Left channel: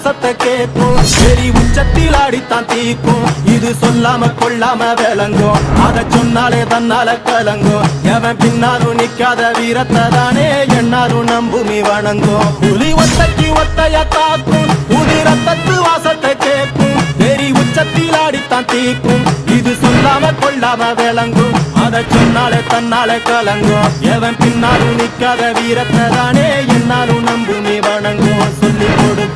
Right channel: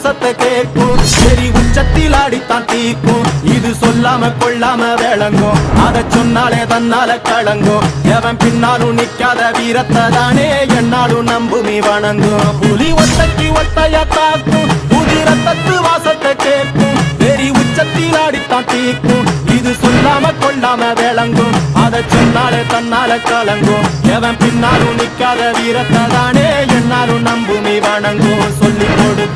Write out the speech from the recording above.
வாசத்தை கேட்கும் வெறி உச்சத்தில் ஆடித்தான் தீக்கும் இது சொல்லாம கொள்ளாம விளங்கும் அத சொன்னாலே தன்னால கலங்கும் எவன் பின்னாலும் நிக்காத வீரத்தை தானே என்னாலும் நம்புமி வணங்கும் புலி ஒத்தைக்கு ஒத்தைய தாக்கும் புலி ரத்தத்து வாசத்தை கேட்கும் வெறி உச்சத்தில் ஆடித்தான் தீக்கும் இது சொல்லாம கொள்ளாம விளங்கும் அத சொன்னாலே தன்னால கலங்கும் எவன் பின்னாலும் நிக்காத வீரத்தை தானே என்னாலும் நம்புமி வணங்கும்